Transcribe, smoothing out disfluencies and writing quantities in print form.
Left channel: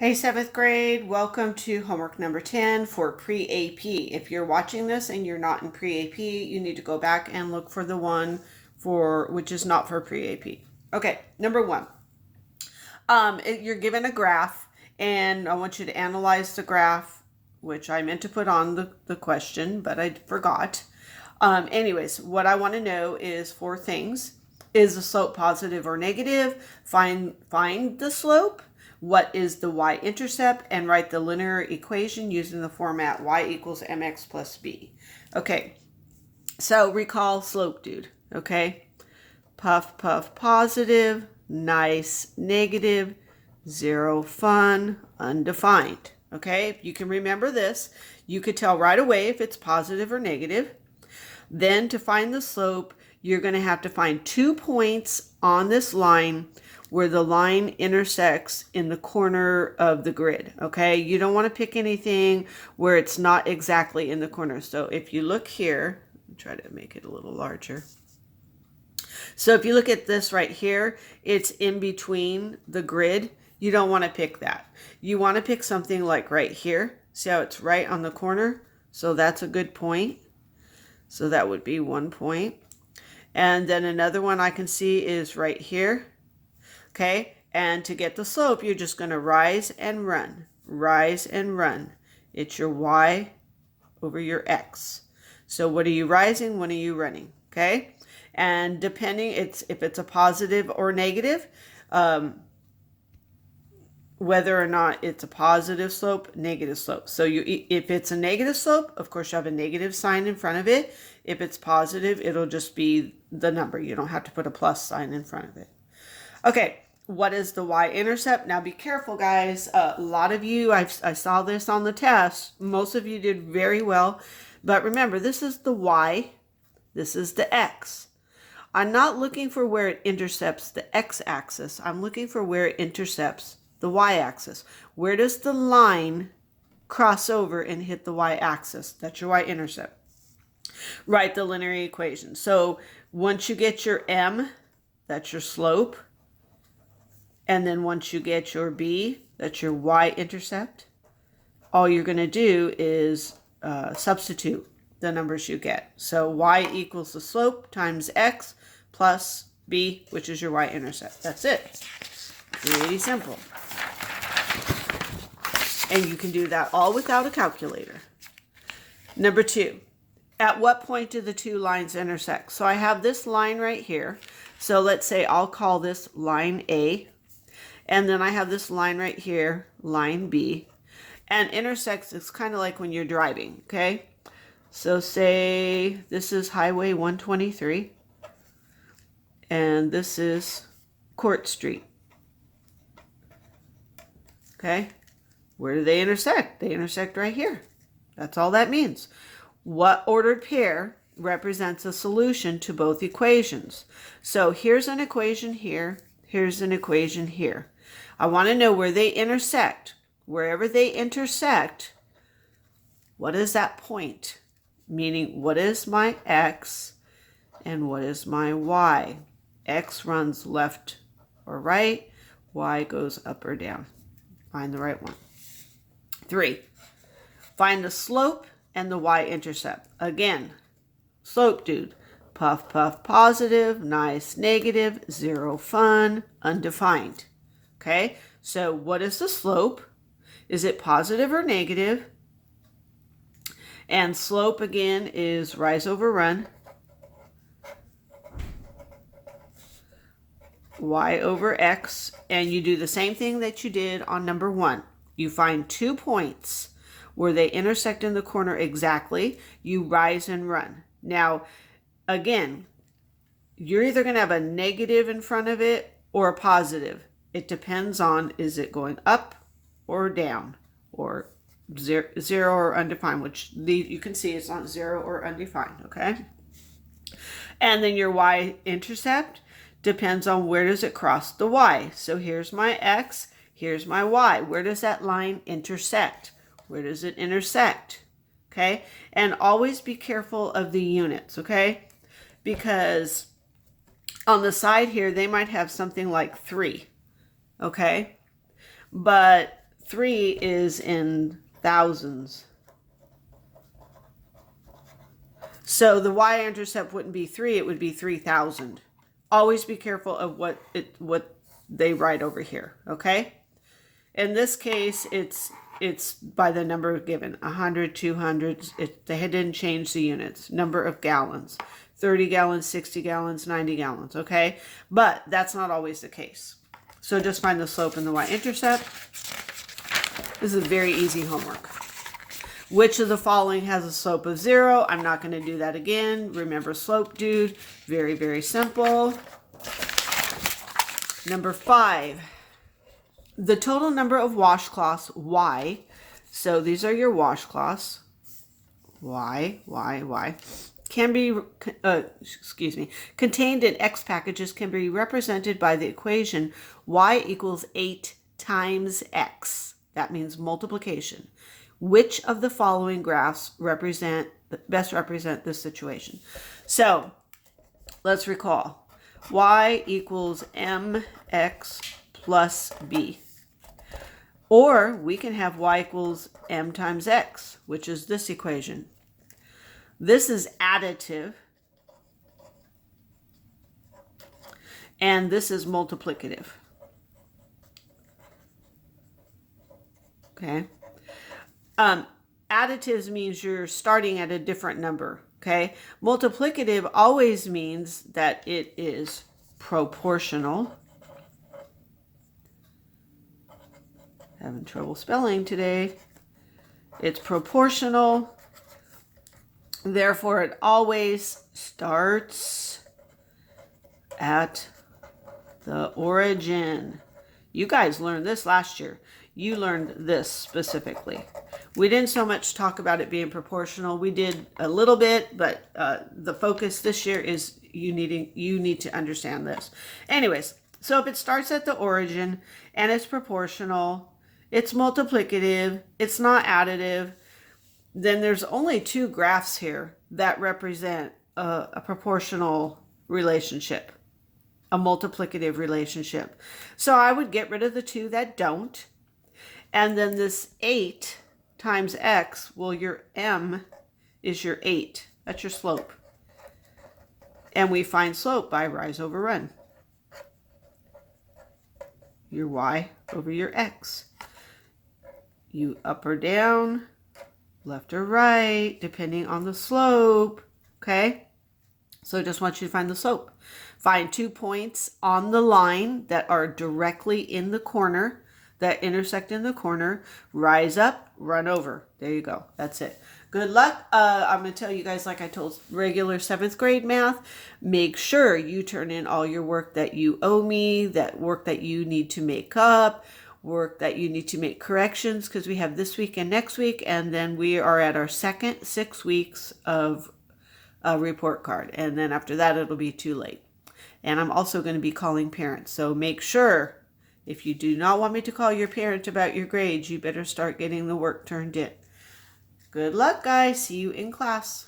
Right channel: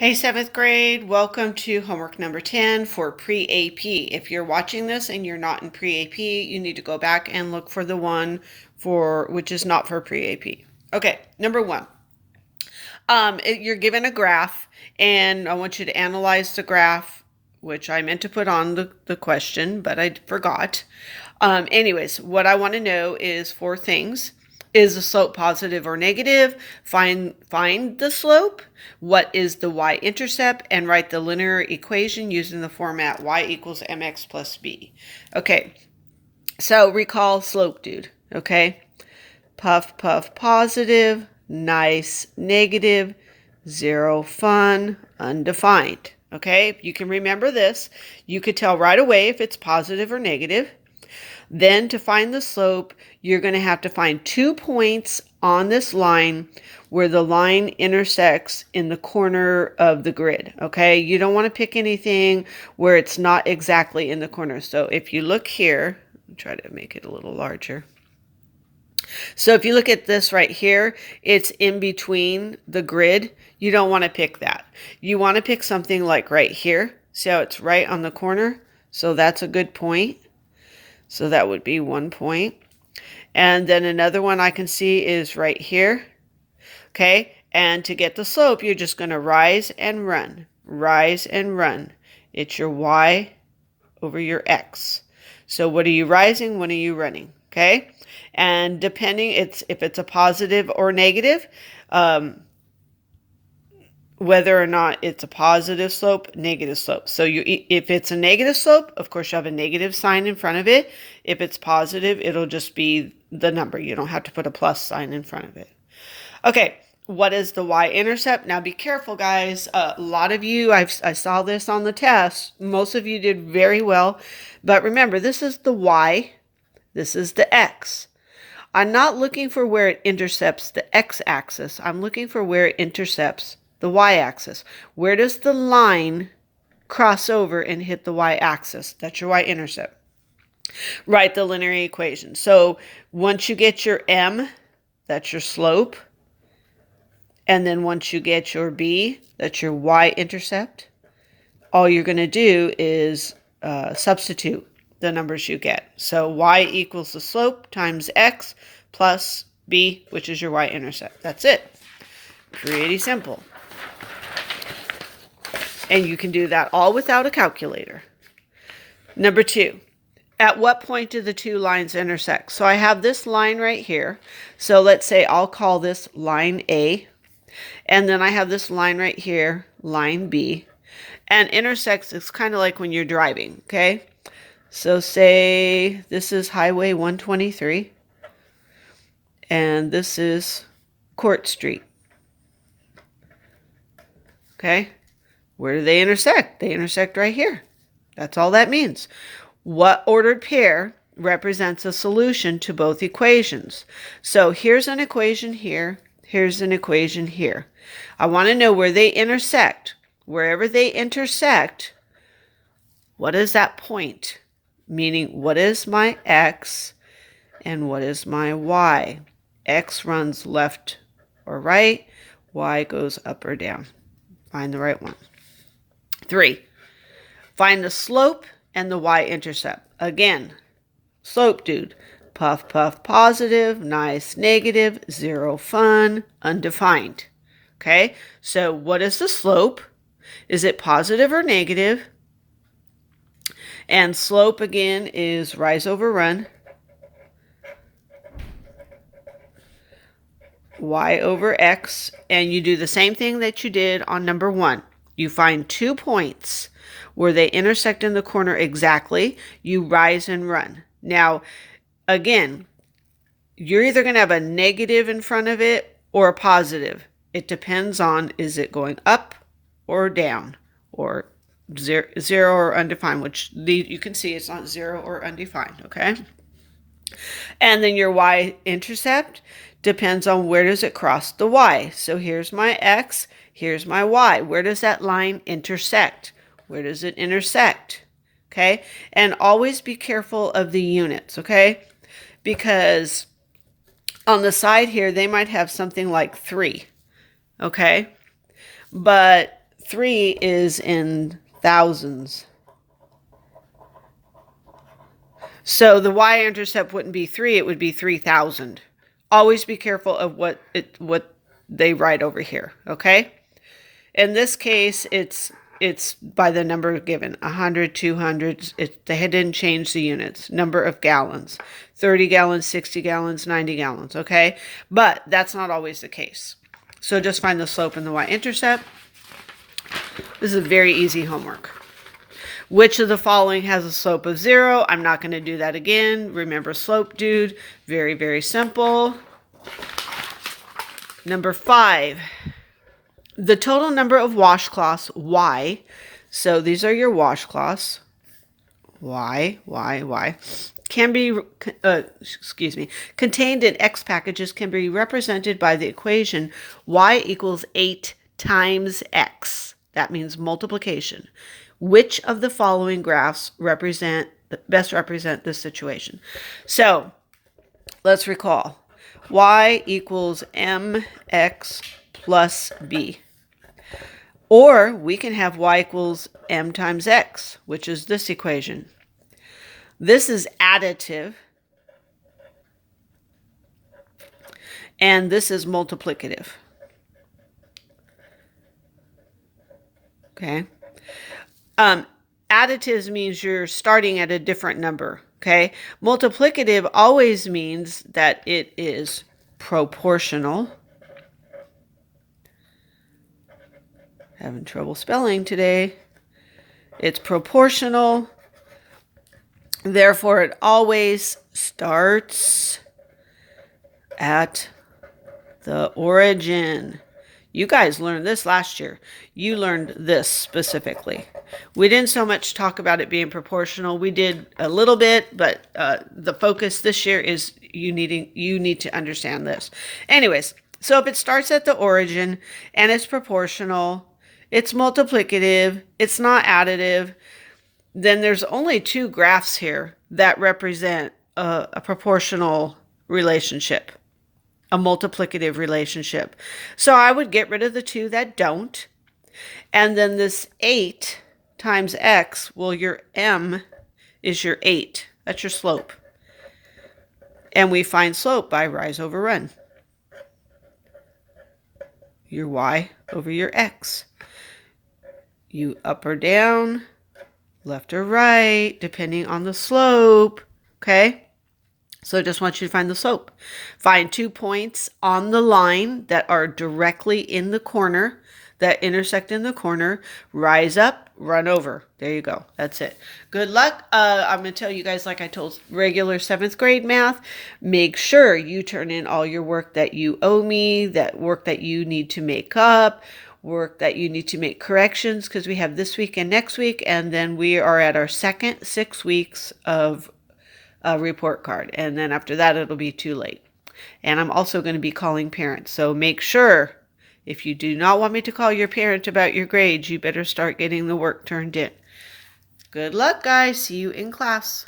Hey, seventh grade, welcome to homework number 10 for pre-AP. If you're watching this and you're not in pre-AP, you need to go back and look for the one which is not for pre-AP. Okay, number one. You're given a graph, and I want you to analyze the graph, which I meant to put on the question, but I forgot. Anyways, what I want to know is four things. Is the slope positive or negative? Find the slope. What is the y-intercept? And write the linear equation using the format y equals mx plus b. Okay, so recall slope, dude. Okay, puff, puff, positive, nice, negative, zero, fun, undefined. Okay, you can remember this. You could tell right away if it's positive or negative. Then to find the slope, you're going to have to find 2 points on this line where the line intersects in the corner of the grid. Okay, you don't want to pick anything where it's not exactly in the corner. So if you look here, try to make it a little larger. So if you look at this right here, it's in between the grid. You don't want to pick that. You want to pick something like right here. See how it's right on the corner? So that's a good point. So that would be 1 point. And then another one I can see is right here. Okay, and to get the slope, you're just going to rise and run. Rise and run. It's your y over your x. So what are you rising? What are you running? Okay, and depending if it's a positive or negative, whether or not it's a positive slope, negative slope. So if it's a negative slope, of course you have a negative sign in front of it. If it's positive, it'll just be the number. You don't have to put a plus sign in front of it. Okay, what is the y-intercept? Now be careful, guys. A lot of you, I saw this on the test. Most of you did very well. But remember, this is the y. This is the x. I'm not looking for where it intercepts the x-axis. I'm looking for where it intercepts the y-axis. Where does the line cross over and hit the y-axis? That's your y-intercept. Write the linear equation. So once you get your m, that's your slope. And then once you get your b, that's your y-intercept. All you're going to do is substitute the numbers you get. So y equals the slope times x plus b, which is your y-intercept. That's it. Pretty simple. And you can do that all without a calculator. Number two, at what point do the two lines intersect? So I have this line right here. So let's say I'll call this line A. And then I have this line right here, line B. And intersects, it's kind of like when you're driving, okay? So say this is Highway 123. And this is Court Street. Okay? Where do they intersect? They intersect right here. That's all that means. What ordered pair represents a solution to both equations? So here's an equation here. Here's an equation here. I want to know where they intersect. Wherever they intersect, what is that point? Meaning, what is my x and what is my y? X runs left or right. Y goes up or down. Find the right one. 3. Find the slope and the y-intercept. Again, slope, dude. Puff, puff, positive, nice, negative, zero, fun, undefined. Okay, so what is the slope? Is it positive or negative? And slope, again, is rise over run. Y over x. And you do the same thing that you did on number 1. You find 2 points where they intersect in the corner exactly. You rise and run. Now, again, you're either going to have a negative in front of it or a positive. It depends on, is it going up or down or zero or undefined, which you can see it's not zero or undefined, okay? And then your y-intercept depends on where does it cross the y. So here's my x, here's my y. Where does that line intersect? Where does it intersect? Okay? And always be careful of the units, okay? Because on the side here, they might have something like 3, okay? But 3 is in thousands. So the y-intercept wouldn't be 3, it would be 3,000. Always be careful of what they write over here, okay? In this case, it's by the number given, 100, 200. They didn't change the units. Number of gallons, 30 gallons, 60 gallons, 90 gallons, okay? But that's not always the case. So just find the slope and the y-intercept. This is very easy homework. Which of the following has a slope of 0? I'm not going to do that again. Remember slope, dude. Very, very simple. Number 5. The total number of washcloths, Y. So these are your washcloths. Y, can be, contained in X packages can be represented by the equation Y equals 8 times X. That means multiplication. Which of the following graphs best represent this situation? So let's recall. Y equals mx plus b. Or we can have y equals m times x, which is this equation. This is additive. And this is multiplicative. Okay. Additives means you're starting at a different number, okay? Multiplicative always means that it is proportional. Having trouble spelling today. It's proportional. Therefore, it always starts at the origin. You guys learned this last year. You learned this specifically. We didn't so much talk about it being proportional. We did a little bit, but the focus this year is you need to understand this. Anyways, so if it starts at the origin and it's proportional, it's multiplicative, it's not additive, then there's only 2 graphs here that represent a proportional relationship. A multiplicative relationship. So I would get rid of the 2 that don't. And then this 8 times x, well, your m is your 8. That's your slope. And we find slope by rise over run. Your y over your x. You up or down, left or right, depending on the slope. Okay? So I just want you to find the slope. Find 2 points on the line that are directly in the corner, that intersect in the corner. Rise up, run over. There you go. That's it. Good luck. I'm going to tell you guys, like I told regular 7th grade math, make sure you turn in all your work that you owe me, that work that you need to make up, work that you need to make corrections, because we have this week and next week, and then we are at our second 6 weeks of a report card, and then after that it'll be too late. And I'm also going to be calling parents, so make sure, if you do not want me to call your parent about your grades, you better start getting the work turned in. Good luck, guys. See you in class.